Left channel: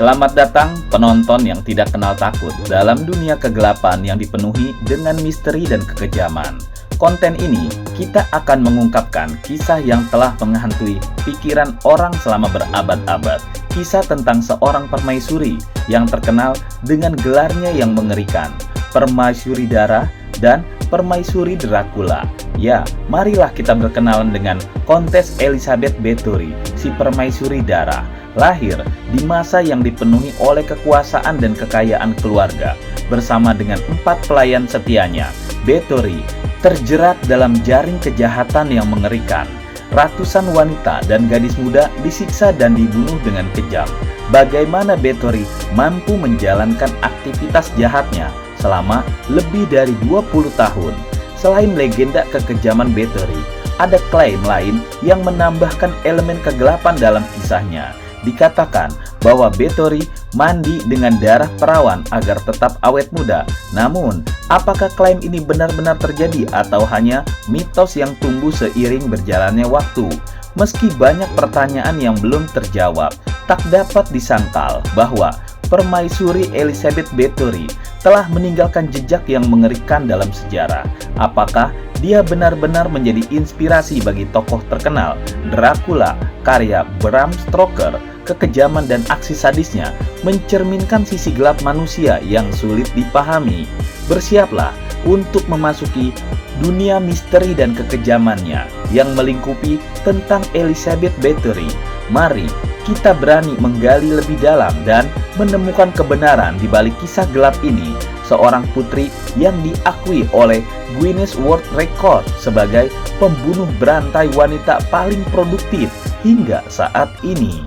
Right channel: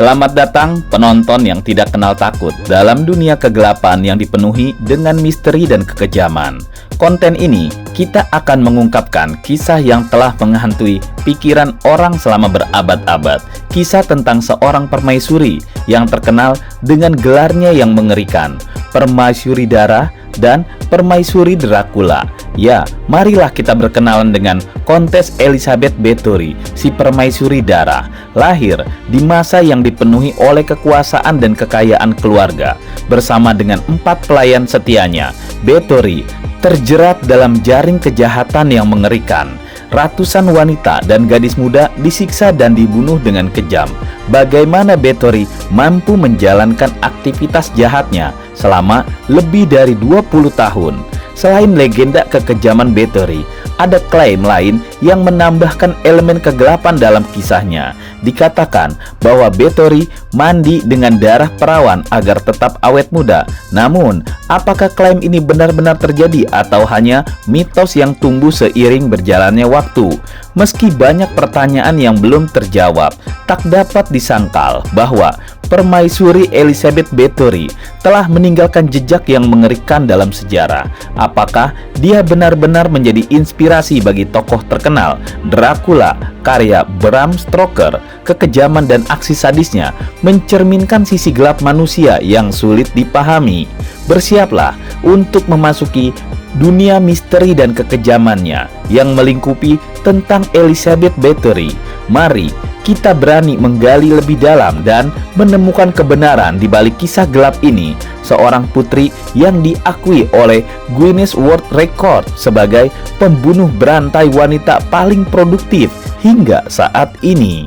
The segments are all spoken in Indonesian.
Selamat datang penonton yang tidak kenal takut dalam dunia kegelapan yang dipenuhi dengan misteri dan kekejaman. Konten ini kita akan mengungkapkan kisah yang telah menghantui pikiran orang selama berabad-abad. Kisah tentang seorang permaisuri yang terkenal dengan gelarnya yang mengerikan, Permaisuri Darah dan Permaisuri Dracula. Ya, marilah kita berkenalan dengan Kontes Elizabeth Bathory, si Permaisuri Darah. Lahir di masa yang dipenuhi oleh kekuasaan dan kekayaan keluarga. Bersama dengan 4 pelayan setianya, Bathory terjerat dalam jaring kejahatan yang mengerikan. Ratusan wanita dan gadis muda disiksa dan dibunuh dengan kejam. Bagaimana Bathory mampu menjalankan aktivitas jahatnya selama lebih dari 20 tahun? Selain legenda kekejaman Bathory, ada klaim lain yang menambahkan elemen kegelapan dalam kisahnya. Dikatakan bahwa Bathory mandi dengan darah perawan agar tetap awet muda. Namun, apakah klaim ini benar-benar terjadi atau hanya mitos yang tumbuh seiring berjalannya waktu? Meski banyak pertanyaan yang belum terjawab, tak dapat disangkal bahwa Permaisuri Elizabeth Bathory telah meninggalkan jejak yang mengerikan dalam sejarah. Apakah dia benar-benar menjadi inspirasi bagi tokoh terkenal Dracula, karya Bram Stoker? Kekejaman dan aksi sadisnya mencerminkan sisi gelap manusia yang sulit dipahami. Bersiaplah untuk memasuki dunia misteri dan kekejamannya yang melingkupi tentang Elizabeth Bathory. Mari kita berani menggali lebih dalam dan menemukan kebenaran di balik kisah gelap ini. Seorang putri yang diakui oleh Guinness World Record sebagai pembunuh berantai wanita paling produktif hingga saat ini.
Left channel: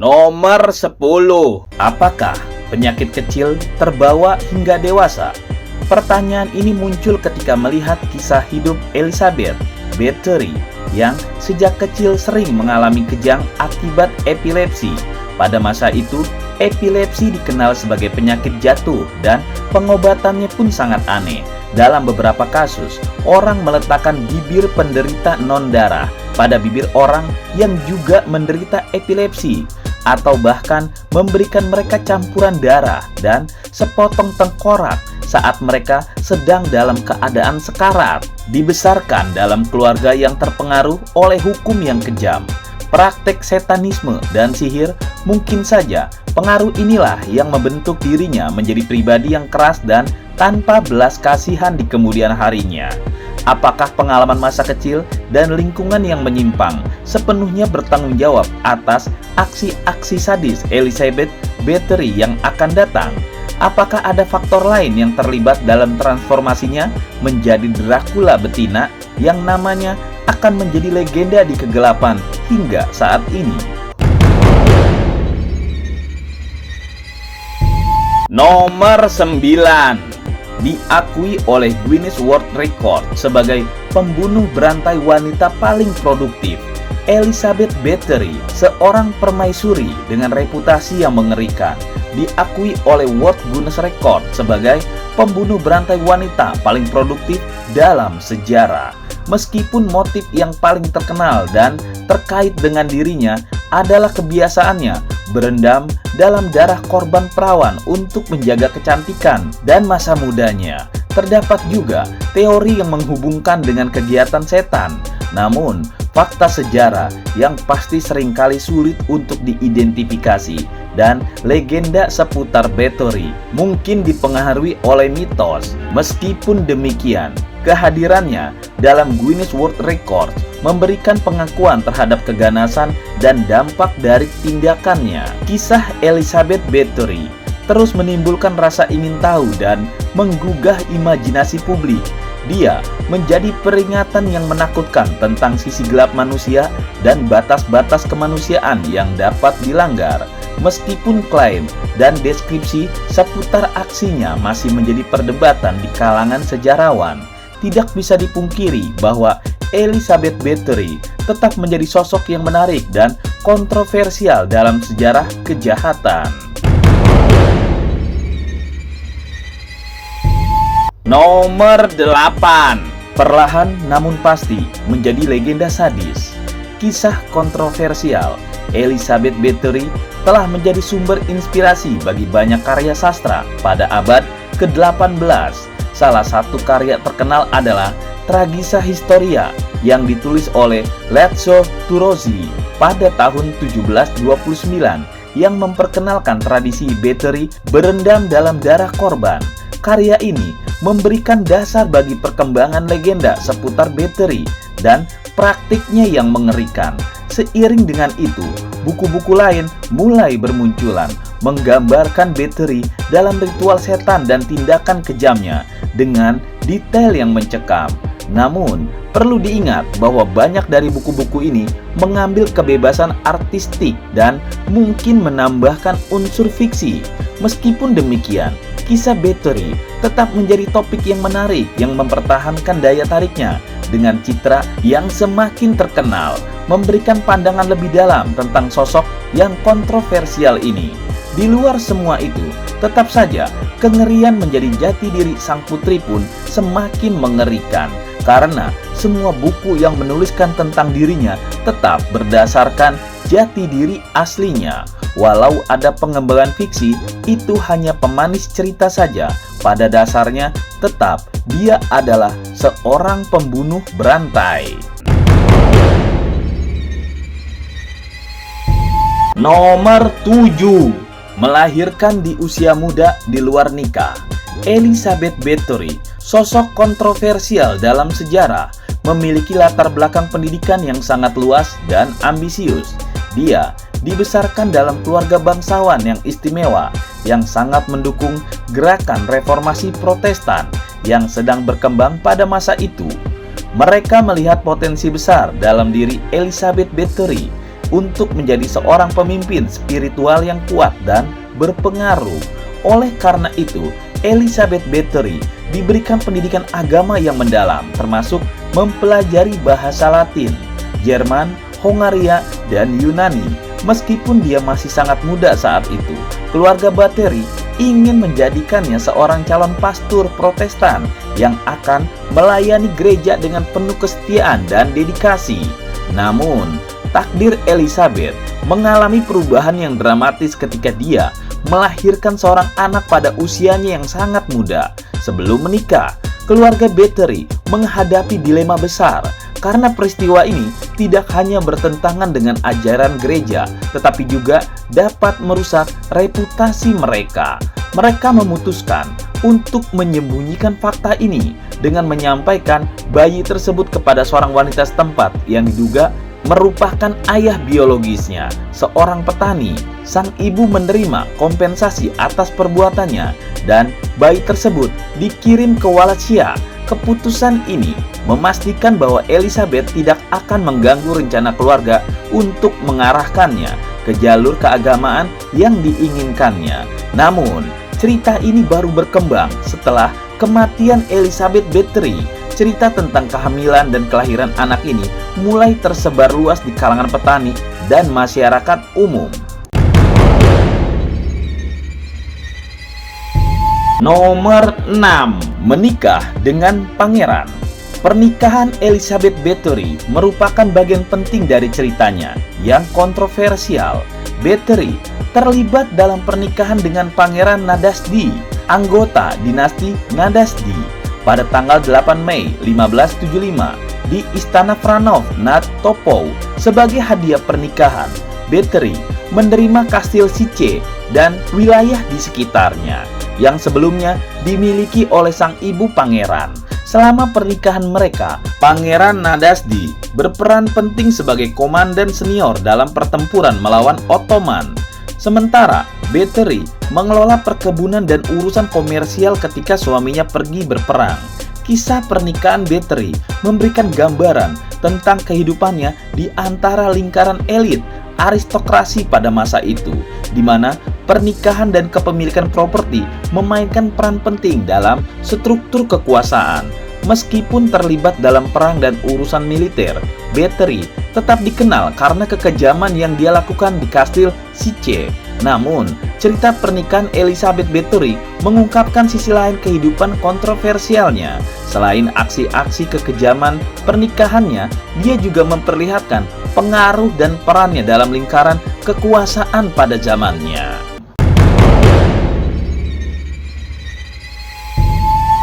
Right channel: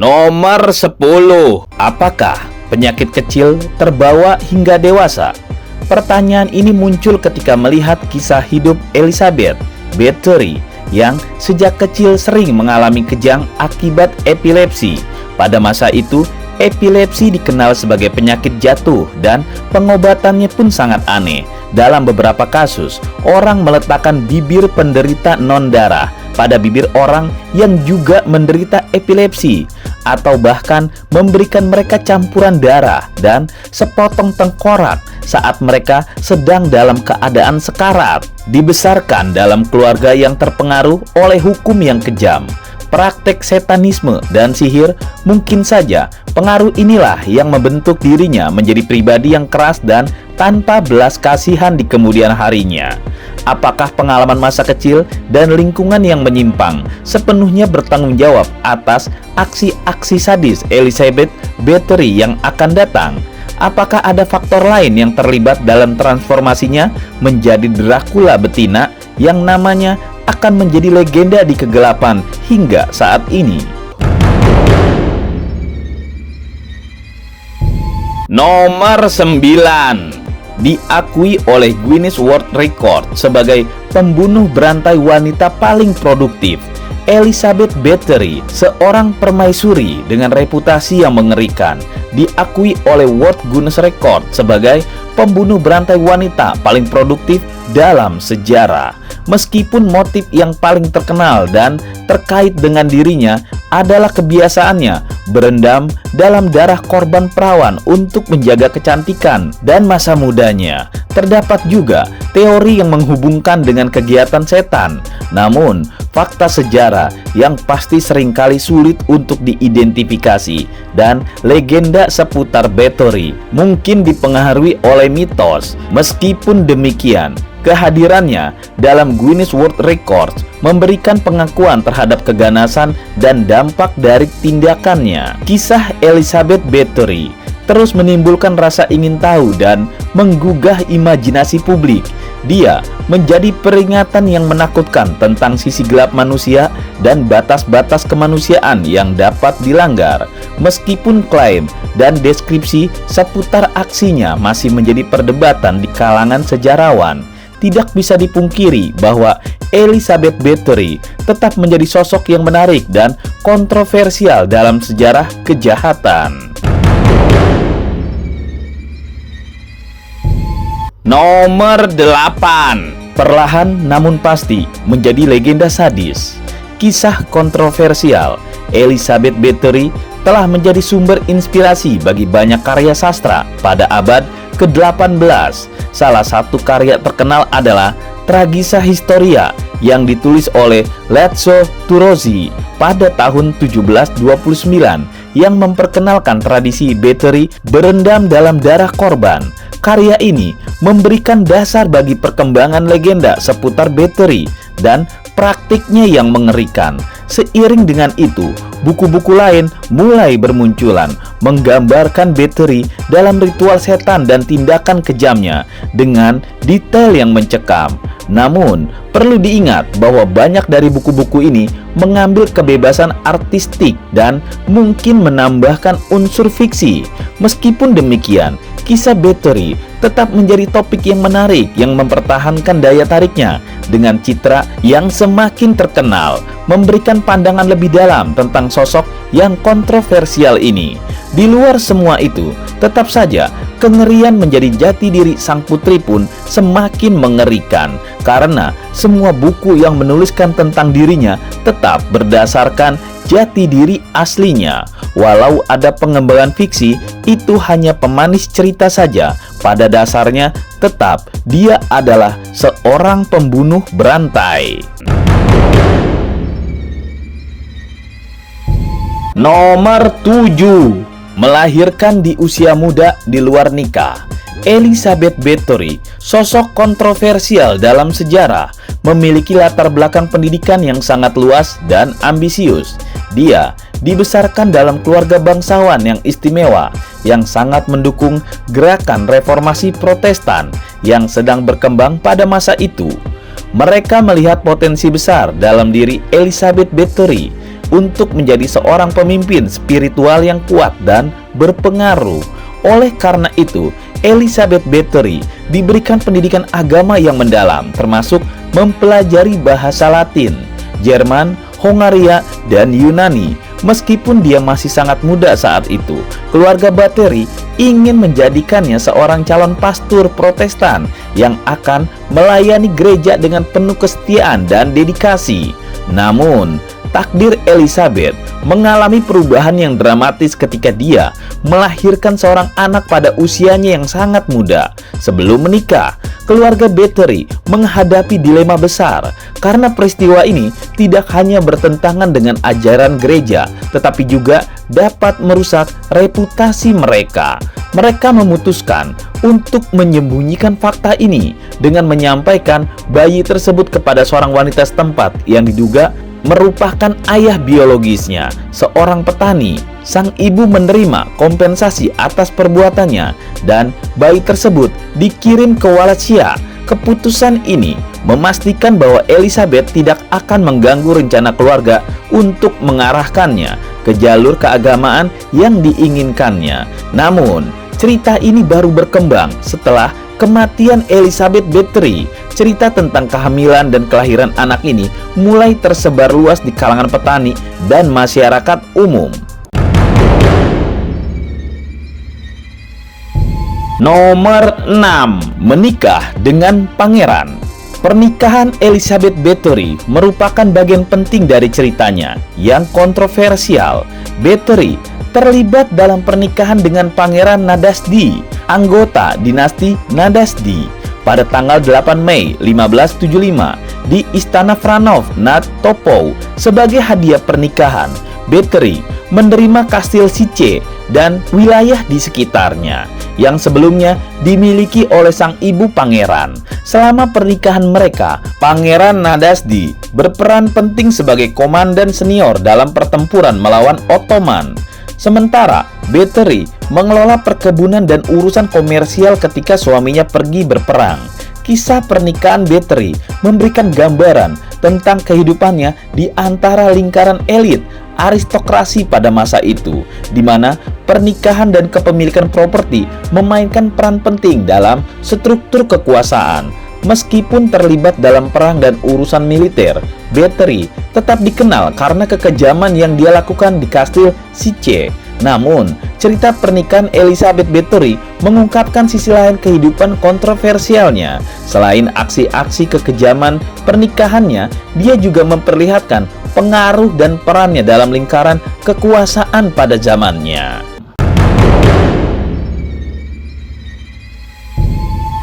Nomor 10. Apakah penyakit kecil terbawa hingga dewasa? Pertanyaan ini muncul ketika melihat kisah hidup Elizabeth Bathory yang sejak kecil sering mengalami kejang akibat epilepsi. Pada masa itu, epilepsi dikenal sebagai penyakit jatuh dan pengobatannya pun sangat aneh. Dalam beberapa kasus, orang meletakkan bibir penderita non-darah pada bibir orang yang juga menderita epilepsi, atau bahkan memberikan mereka campuran darah dan sepotong tengkorak saat mereka sedang dalam keadaan sekarat. Dibesarkan dalam keluarga yang terpengaruh oleh hukum yang kejam, praktek satanisme dan sihir, mungkin saja pengaruh inilah yang membentuk dirinya menjadi pribadi yang keras dan tanpa belas kasihan di kemudian harinya. Apakah pengalaman masa kecil dan lingkungan yang menyimpang sepenuhnya bertanggung jawab atas aksi-aksi sadis Elizabeth Bathory yang akan datang? Apakah ada faktor lain yang terlibat dalam transformasinya menjadi Dracula betina yang namanya akan menjadi legenda di kegelapan hingga saat ini? Nomor 9. Diakui oleh Guinness World Record sebagai pembunuh berantai wanita paling produktif, Elizabeth Bathory, seorang permaisuri dengan reputasi yang mengerikan, diakui oleh World Guinness Record sebagai pembunuh berantai wanita paling produktif dalam sejarah. Meskipun motif yang paling terkenal dan terkait dengan dirinya adalah kebiasaannya berendam dalam darah korban perawan untuk menjaga kecantikan dan masa mudanya, terdapat juga teori yang menghubungkan dengan kegiatan setan. Namun, fakta sejarah yang pasti seringkali sulit untuk diidentifikasi dan legenda seputar Bathory mungkin dipengaruhi oleh mitos. Meskipun demikian, kehadirannya dalam Guinness World Records memberikan pengakuan terhadap keganasan dan dampak dari tindakannya. Kisah Elizabeth Bathory terus menimbulkan rasa ingin tahu dan menggugah imajinasi publik. Dia menjadi peringatan yang menakutkan tentang sisi gelap manusia dan batas-batas kemanusiaan yang dapat dilanggar. Meskipun klaim dan deskripsi seputar aksinya masih menjadi perdebatan di kalangan sejarawan, tidak bisa dipungkiri bahwa Elizabeth Bathory tetap menjadi sosok yang menarik dan kontroversial dalam sejarah kejahatan. Nomor 8. Perlahan namun pasti menjadi legenda sadis. kisah kontroversial Elizabeth Bathory telah menjadi sumber inspirasi bagi banyak karya sastra pada abad ke-18. Salah satu karya terkenal adalah Tragisa Historia yang ditulis oleh Lezzo Turozzi pada tahun 1729 yang memperkenalkan tradisi Bathory berendam dalam darah korban. Karya ini memberikan dasar bagi perkembangan legenda seputar Bathory dan praktiknya yang mengerikan. Seiring dengan itu, buku-buku lain mulai bermunculan menggambarkan Bathory dalam ritual setan dan tindakan kejamnya dengan detail yang mencekam. Namun, perlu diingat bahwa banyak dari buku-buku ini mengambil kebebasan artistik dan mungkin menambahkan unsur fiksi. Meskipun demikian, kisah Bathory tetap menjadi topik yang menarik yang mempertahankan daya tariknya dengan citra yang semakin terkenal, memberikan pandangan lebih dalam tentang sosok yang kontroversial ini. Di luar semua itu, tetap saja kengerian menjadi jati diri sang putri pun semakin mengerikan karena semua buku yang menuliskan tentang dirinya tetap berdasarkan jati diri aslinya. Walau ada pengembangan fiksi, itu hanya pemanis cerita saja. Pada dasarnya, tetap dia adalah seorang pembunuh berantai. Nomor 7. Melahirkan di usia muda di luar nikah. Elizabeth Bathory, sosok kontroversial dalam sejarah, memiliki latar belakang pendidikan yang sangat luas dan ambisius. Dia dibesarkan dalam keluarga bangsawan yang istimewa, yang sangat mendukung gerakan reformasi Protestan yang sedang berkembang pada masa itu. Mereka melihat potensi besar dalam diri Elizabeth Bathory untuk menjadi seorang pemimpin spiritual yang kuat dan berpengaruh. Oleh karena itu, Elizabeth Bathory diberikan pendidikan agama yang mendalam, termasuk mempelajari bahasa Latin, Jerman, Hongaria, dan Yunani. Meskipun dia masih sangat muda saat itu, keluarga Bathory ingin menjadikannya seorang calon pastor Protestan yang akan melayani gereja dengan penuh kesetiaan dan dedikasi. Namun, takdir Elizabeth mengalami perubahan yang dramatis ketika dia melahirkan seorang anak pada usianya yang sangat muda. Sebelum menikah, keluarga Bathory menghadapi dilema besar karena peristiwa ini tidak hanya bertentangan dengan ajaran gereja, tetapi juga dapat merusak reputasi mereka. Mereka memutuskan untuk menyembunyikan fakta ini dengan menyampaikan bayi tersebut kepada seorang wanita setempat yang diduga merupakan ayah biologisnya, seorang petani. Sang ibu menerima kompensasi atas perbuatannya dan bayi tersebut dikirim ke Wallachia. Keputusan ini memastikan bahwa Elizabeth tidak akan mengganggu rencana keluarga untuk mengarahkannya ke jalur keagamaan yang diinginkannya. Namun, cerita ini baru berkembang setelah kematian Elizabeth Bathory. Cerita tentang kehamilan dan kelahiran anak ini mulai tersebar luas di kalangan petani dan masyarakat umum. Nomor 6. Menikah dengan pangeran. Pernikahan Elizabeth Bathory merupakan bagian penting dari ceritanya yang kontroversial. Bathory terlibat dalam pernikahan dengan Pangeran Nadasdi, anggota dinasti Nadasdi, pada tanggal 8 Mei 1575 di Istana Vranov nad Topou. Sebagai hadiah pernikahan, Bathory menerima kastil Sice dan wilayah di sekitarnya yang sebelumnya dimiliki oleh sang ibu pangeran. Selama pernikahan mereka, Pangeran Nadasdi berperan penting sebagai komandan senior dalam pertempuran melawan Ottoman. Sementara Bathory mengelola perkebunan dan urusan komersial ketika suaminya pergi berperang. Kisah pernikahan Bathory memberikan gambaran tentang kehidupannya di antara lingkaran elit aristokrasi pada masa itu, di mana pernikahan dan kepemilikan properti memainkan peran penting dalam struktur kekuasaan. Meskipun terlibat dalam perang dan urusan militer, Bathory tetap dikenal karena kekejaman yang dia lakukan di kastil Sice. Namun, cerita pernikahan Elizabeth Bathory mengungkapkan sisi lain kehidupan kontroversialnya. Selain aksi-aksi kekejaman pernikahannya, dia juga memperlihatkan pengaruh dan perannya dalam lingkaran kekuasaan pada zamannya.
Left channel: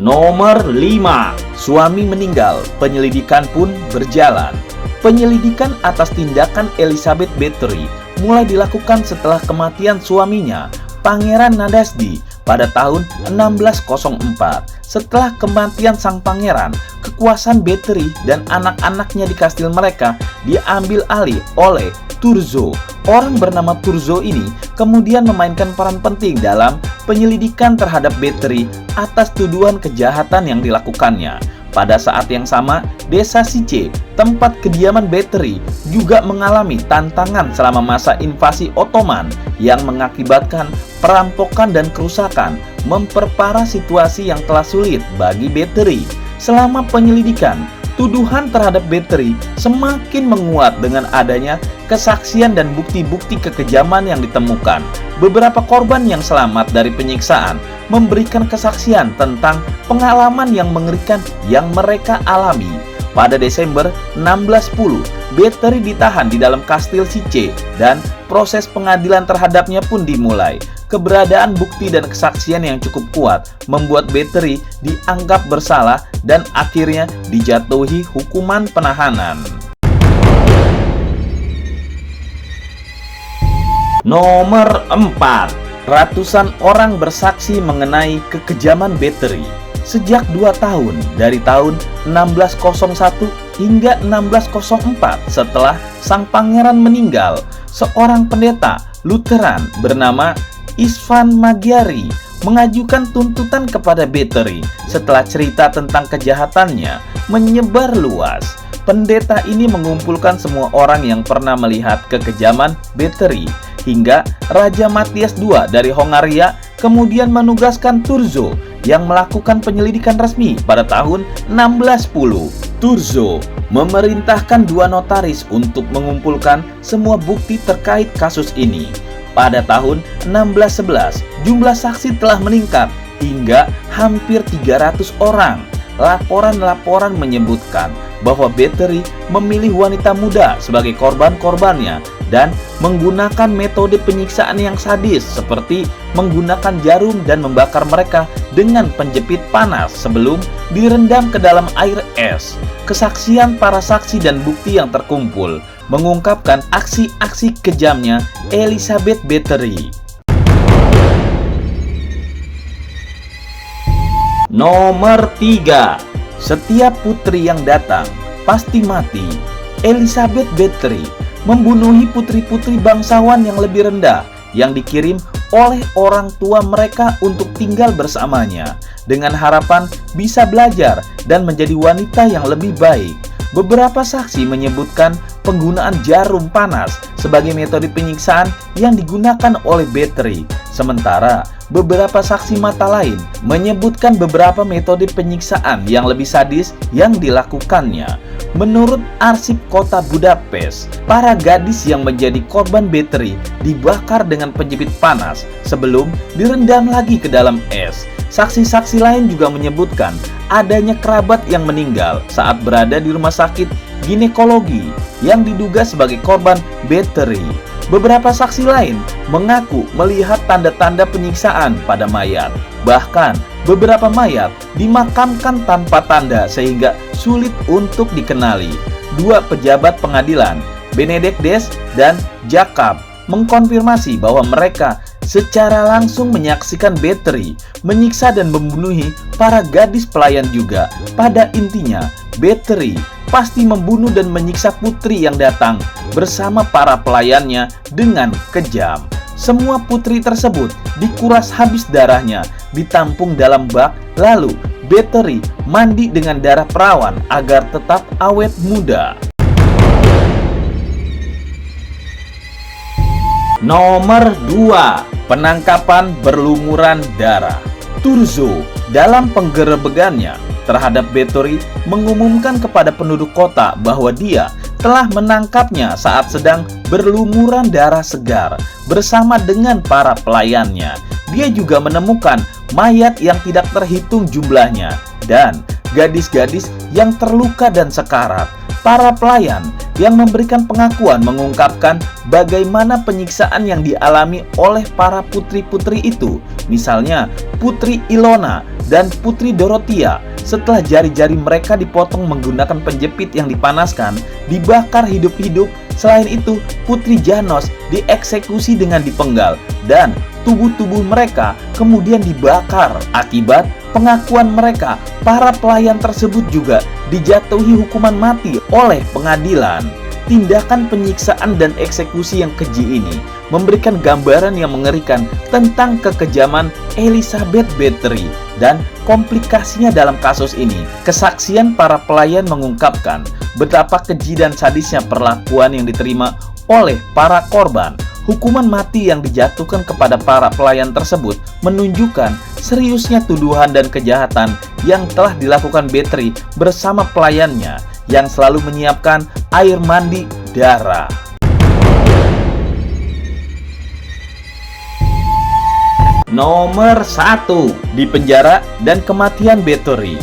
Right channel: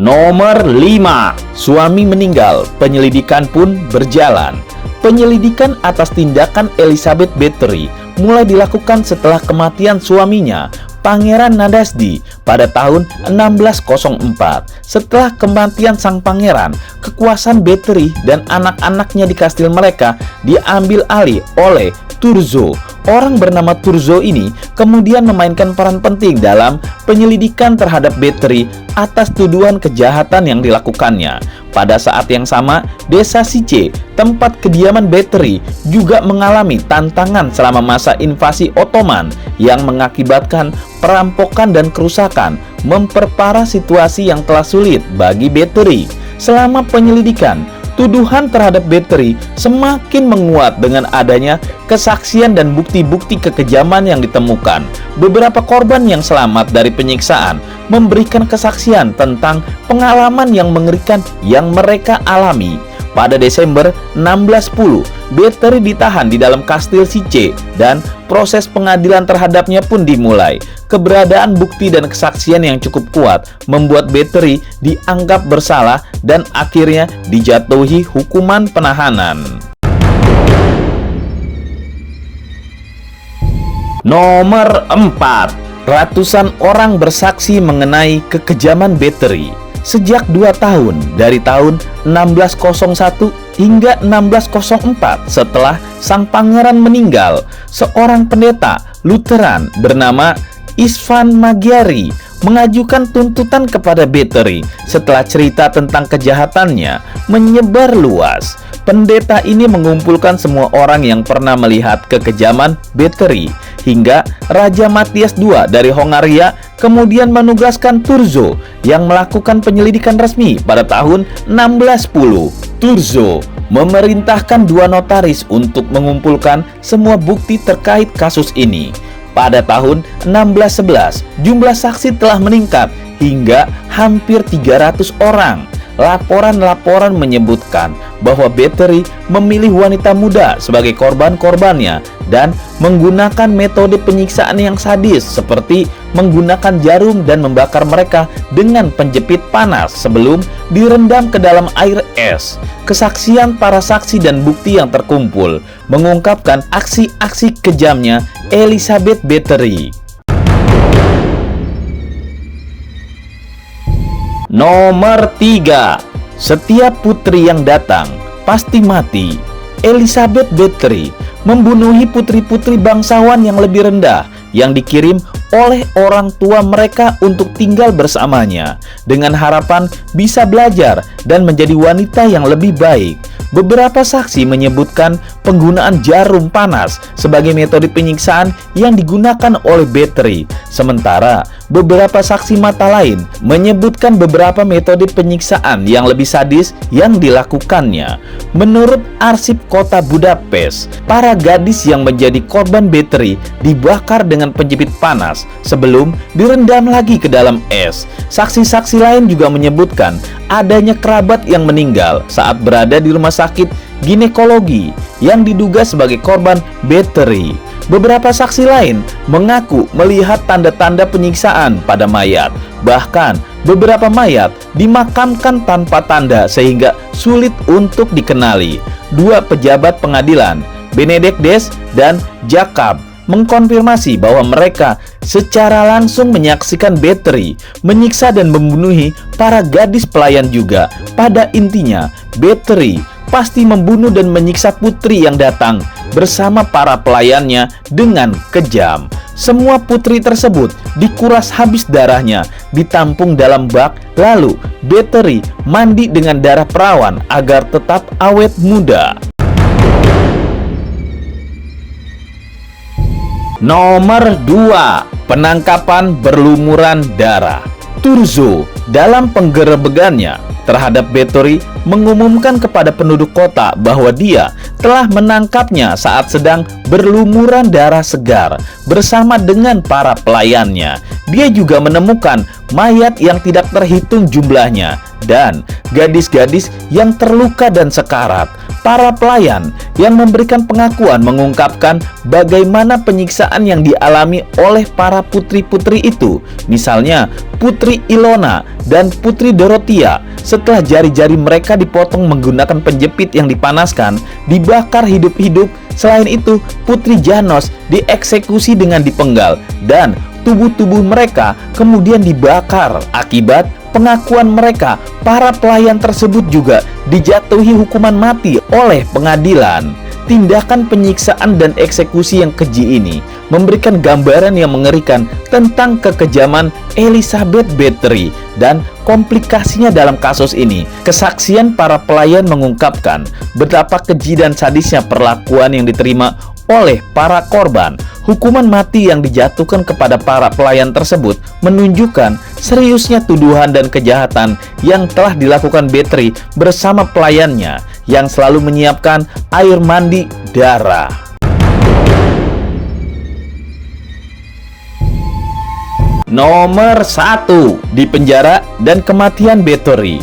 Nomor 5, suami meninggal, penyelidikan pun berjalan. Penyelidikan atas tindakan Elizabeth Bathory mulai dilakukan setelah kematian suaminya, Pangeran Nadasdi, pada tahun 1604. Setelah kematian sang pangeran, kekuasaan Bathory dan anak-anaknya di kastil mereka diambil alih oleh Turzo. Orang bernama Turzo ini kemudian memainkan peran penting dalam penyelidikan terhadap Bathory atas tuduhan kejahatan yang dilakukannya. Pada saat yang sama, desa Sice, tempat kediaman Bathory, juga mengalami tantangan selama masa invasi Ottoman yang mengakibatkan perampokan dan kerusakan, memperparah situasi yang telah sulit bagi Bathory. Selama penyelidikan, tuduhan terhadap Bathory semakin menguat dengan adanya kesaksian dan bukti-bukti kekejaman yang ditemukan. Beberapa korban yang selamat dari penyiksaan memberikan kesaksian tentang pengalaman yang mengerikan yang mereka alami. Pada Desember 1610, Bathory ditahan di dalam kastil Sice dan proses pengadilan terhadapnya pun dimulai. Keberadaan bukti dan kesaksian yang cukup kuat membuat Bathory dianggap bersalah dan akhirnya dijatuhi hukuman penahanan. Nomor 4, ratusan orang bersaksi mengenai kekejaman Bathory. Sejak 2 tahun, dari tahun 1601 hingga 1604 setelah sang pangeran meninggal, seorang pendeta Lutheran bernama Istvan Magyari mengajukan tuntutan kepada Bathory setelah cerita tentang kejahatannya menyebar luas. Pendeta ini mengumpulkan semua orang yang pernah melihat kekejaman Bathory hingga Raja Matthias II dari Hongaria kemudian menugaskan Turzo yang melakukan penyelidikan resmi pada tahun 1610. Turzo memerintahkan 2 notaris untuk mengumpulkan semua bukti terkait kasus ini. Pada tahun 1611, jumlah saksi telah meningkat hingga hampir 300 orang. Laporan-laporan menyebutkan bahwa Bathory memilih wanita muda sebagai korban-korbannya dan menggunakan metode penyiksaan yang sadis seperti menggunakan jarum dan membakar mereka dengan penjepit panas sebelum direndam ke dalam air es. Kesaksian para saksi dan bukti yang terkumpul mengungkapkan aksi-aksi kejamnya Elizabeth Bathory. Nomor 3, setiap putri yang datang pasti mati. Elizabeth Bathory membunuhi putri-putri bangsawan yang lebih rendah yang dikirim oleh orang tua mereka untuk tinggal bersamanya dengan harapan bisa belajar dan menjadi wanita yang lebih baik. Beberapa saksi menyebutkan penggunaan jarum panas sebagai metode penyiksaan yang digunakan oleh Bathory. Sementara beberapa saksi mata lain menyebutkan beberapa metode penyiksaan yang lebih sadis yang dilakukannya. Menurut arsip kota Budapest, para gadis yang menjadi korban Bathory dibakar dengan penjepit panas sebelum direndam lagi ke dalam es. Saksi-saksi lain juga menyebutkan adanya kerabat yang meninggal saat berada di rumah sakit ginekologi yang diduga sebagai korban Bathory. Beberapa saksi lain mengaku melihat tanda-tanda penyiksaan pada mayat. Bahkan beberapa mayat dimakamkan tanpa tanda sehingga sulit untuk dikenali. 2 pejabat pengadilan, Benedict Des dan Jacob, mengkonfirmasi bahwa mereka secara langsung menyaksikan Bathory menyiksa dan membunuhi para gadis pelayan juga. Pada intinya, Bathory pasti membunuh dan menyiksa putri yang datang bersama para pelayannya dengan kejam. Semua putri tersebut dikuras habis darahnya, ditampung dalam bak, lalu Bathory mandi dengan darah perawan agar tetap awet muda. Nomor 2, penangkapan berlumuran darah. Turzo dalam penggerebegannya terhadap Bathory mengumumkan kepada penduduk kota bahwa dia telah menangkapnya saat sedang berlumuran darah segar bersama dengan para pelayannya. Dia juga menemukan mayat yang tidak terhitung jumlahnya dan gadis-gadis yang terluka dan sekarat. Para pelayan yang memberikan pengakuan mengungkapkan bagaimana penyiksaan yang dialami oleh para putri-putri itu. Misalnya, Putri Ilona dan Putri Dorothea setelah jari-jari mereka dipotong menggunakan penjepit yang dipanaskan, dibakar hidup-hidup. Selain itu, Putri Janos dieksekusi dengan dipenggal dan tubuh-tubuh mereka kemudian dibakar. Akibat pengakuan mereka, para pelayan tersebut juga dijatuhi hukuman mati oleh pengadilan. Tindakan penyiksaan dan eksekusi yang keji ini memberikan gambaran yang mengerikan tentang kekejaman Elizabeth Bathory dan komplikasinya dalam kasus ini. Kesaksian para pelayan mengungkapkan betapa keji dan sadisnya perlakuan yang diterima oleh para korban. Hukuman mati yang dijatuhkan kepada para pelayan tersebut menunjukkan seriusnya tuduhan dan kejahatan yang telah dilakukan Bathory bersama pelayannya yang selalu menyiapkan air mandi darah. Nomor 1, dipenjara dan kematian Bathory.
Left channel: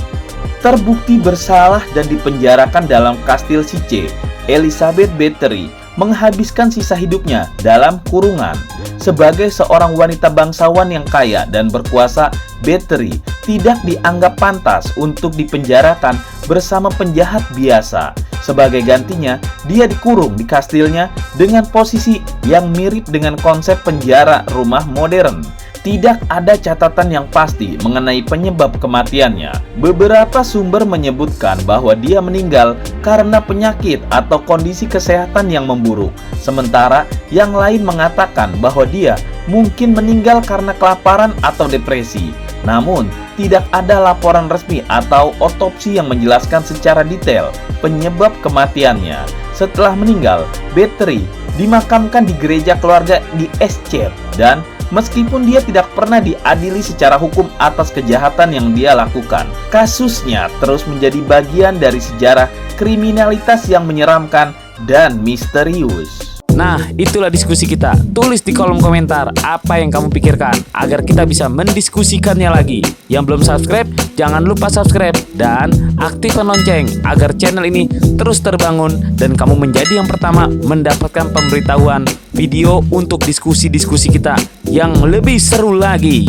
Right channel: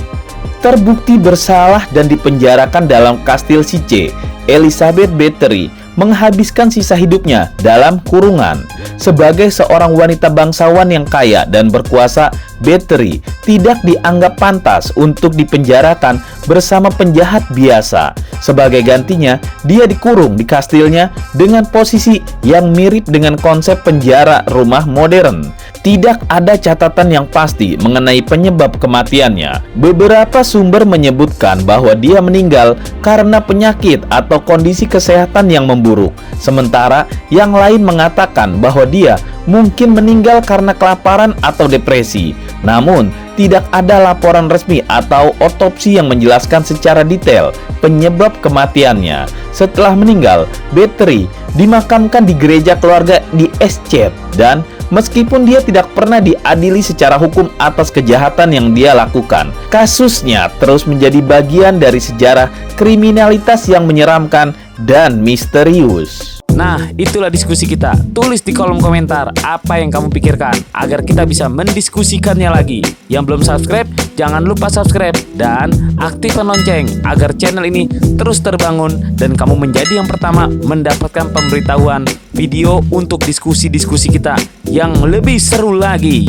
Terbukti bersalah dan dipenjarakan dalam kastil Sice, Elizabeth Bathory menghabiskan sisa hidupnya dalam kurungan. Sebagai seorang wanita bangsawan yang kaya dan berkuasa, Bathory tidak dianggap pantas untuk dipenjarakan bersama penjahat biasa. Sebagai gantinya, dia dikurung di kastilnya dengan posisi yang mirip dengan konsep penjara rumah modern. Tidak ada catatan yang pasti mengenai penyebab kematiannya. Beberapa sumber menyebutkan bahwa dia meninggal karena penyakit atau kondisi kesehatan yang memburuk. Sementara yang lain mengatakan bahwa dia mungkin meninggal karena kelaparan atau depresi. Namun, tidak ada laporan resmi atau otopsi yang menjelaskan secara detail penyebab kematiannya. Setelah meninggal, Bathory dimakamkan di gereja keluarga di Eschet dan meskipun dia tidak pernah diadili secara hukum atas kejahatan yang dia lakukan, kasusnya terus menjadi bagian dari sejarah kriminalitas yang menyeramkan dan misterius. Nah, itulah diskusi kita. Tulis di kolom komentar apa yang kamu pikirkan agar kita bisa mendiskusikannya lagi. Yang belum subscribe, jangan lupa subscribe dan aktifkan lonceng agar channel ini terus terbangun dan kamu menjadi yang pertama mendapatkan pemberitahuan video untuk diskusi-diskusi kita yang lebih seru lagi.